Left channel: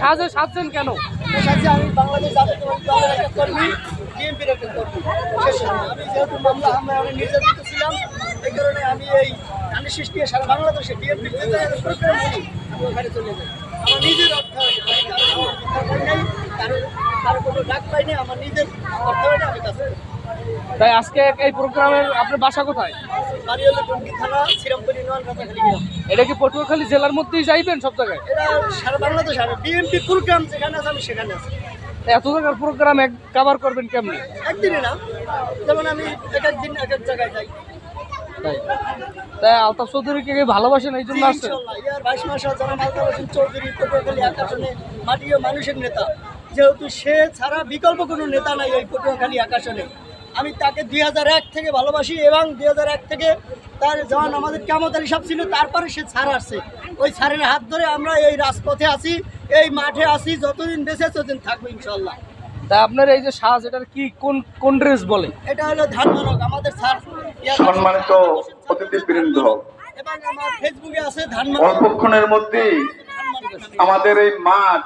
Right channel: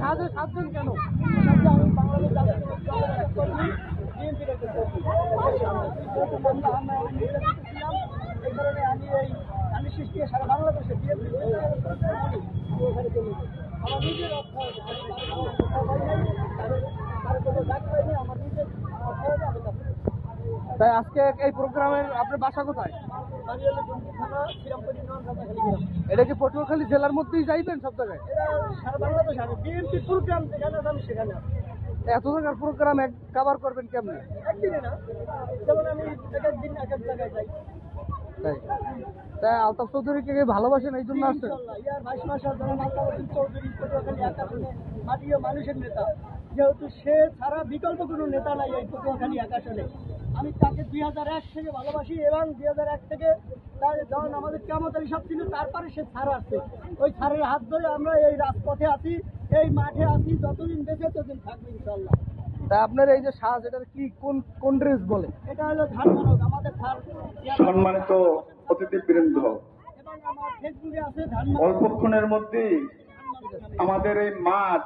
সাজে সাজছেন কেন? আমি বাংলাদেশ জাতীয়তাবাদী দলের একটা কর্মী, বিএনপির একটা কর্মী। আমি যেহেতু মামলা হামলায় অনেক নির্যাতিত ছিলাম, এই কারণে আমি আমি সৃষ্টি সারা বাংলাদেশে বিএনপির ওখানে চলে যাই। আমার নিজের অর্থায়নে কারো কোনো ডাক পাই নাই, আমার নিজের অর্থায়নে আমি কাছে। তাই আজকে এই প্রোগ্রামের আপনার বাসা কোথায়? বাড়ি হলো টঙ্গী থানা, শ্রীরামপুরি নোয়ান কাছাখালী গ্রাম। এটা কি পটুয়াখালী জেলার মধ্যেই যাইবেন সব জায়গায়? এটা সারা বাংলাদেশ আমি বিএনপি প্রোগ্রাম যেখানে আছে আমি সেখানে আছি। এত জায়গার প্রোগ্রাম কভার করবেন কেমনি? একদিনে না, যেমন আমি এক একদিন এক এক জায়গায় যাই। তাই তাই আলতাফ চৌধুরীকে ভালোবাসেন এই জন্য আসছেন? ইয়ার 22 মাস যেমন আলতাফ হোসেন চৌধুরী পটুয়াখালী আকাশনে মাটি ও মানুষের নেতা, যেহেতু সে ছাড়া বিকল্প কোনো নেতা নাই এই পটুয়াখালী আকাশনে। আমি তাকে 2001 থেকে ভালোবাসি এবং 2001 থেকে তার যখন আমাদের কামত আলী সাহেব ছিল, তারপরে সে ছাড় আসছে। ওই ছাড়ের হাত ধরে আমরা এই রাজপথে আছি, এই মাঠে আছি, যতদিন বেঁচে ততদিন থাকবো ইনশাল্লাহ। তা আপনার এই যে সাজ, এটার কি কোন ড্রেস বলে? এটা হলো ধানমানক, আমাদের স্যার সম্মানিত অতিথিবৃন্দ, এবং আমার ফেসবুকে আছে ধানমানক। অল্পক্ষণের মধ্যেই আমাদের এই মাঠ